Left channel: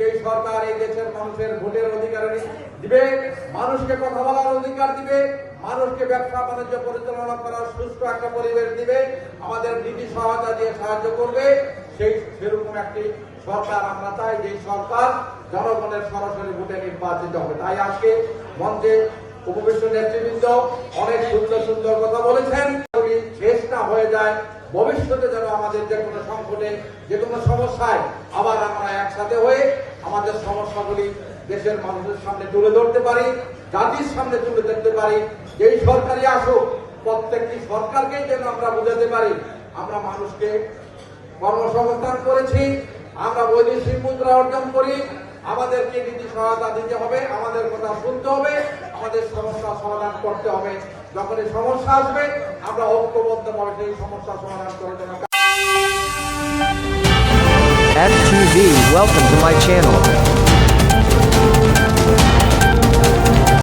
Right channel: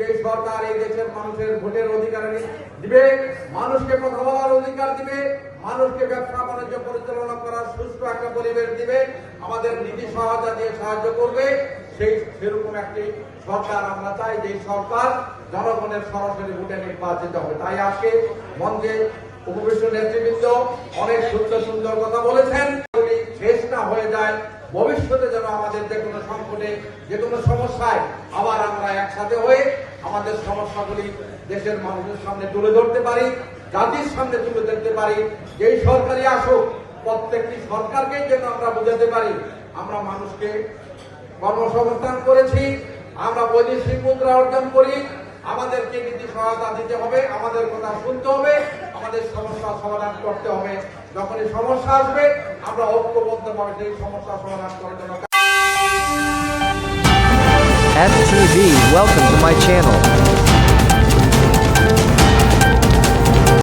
যে সরকার এই দেশের মানুষের ভোটের অধিকার দিবে, মানুষকে কথা বলার অধিকার দিবে, মানুষকে ব্যবসা বাণিজ্য পরিচালনা করার সুষ্ঠু একটা পরিবেশ দিবে, আমাদের নীতি সহায়তা দিয়ে সাহায্য করবে, সেরকম একটি সরকার আমরা চাই, যে সরকার জনগণের সরাসরি ভোটে নির্বাচিত হবে। তাই আজকে মঞ্চে উপবিষ্ট নেতৃবৃন্দ অনেক সুন্দর কথা বলেছেন। যদি শেষ না হয়ে যায়, ভবিষ্যতে যেন আমাদের যে কোনো সংকটে, যে কোনো সমস্যায় আবার আমরা একসাথে হয়ে আমাদের সমস্যাগুলি দেশের মানুষের সামনে তুলে ধরতে পারি, জাতির সামনে তুলে ধরতে পারি। যেই সরকারই আসুক, প্রত্যেকটি সরকারকেই যেন আমরা বোঝাতে পারি আমরা মানুষকে কর্মসংস্থান করেছি, আমরা বৈদেশিক মুদ্রা অর্জন করি, আমাদেরকে নীতি সহায়তা দিতে হবে, আমাদের কথা শুনতে হবে, আমাদের সমস্যা সমাধান করতে হবে। যখন এই সমস্যা আসবে, আমরা ঐক্যবদ্ধভাবে সেই সমস্যা সমাধান করার জন্য। FTV, welcome to my channel.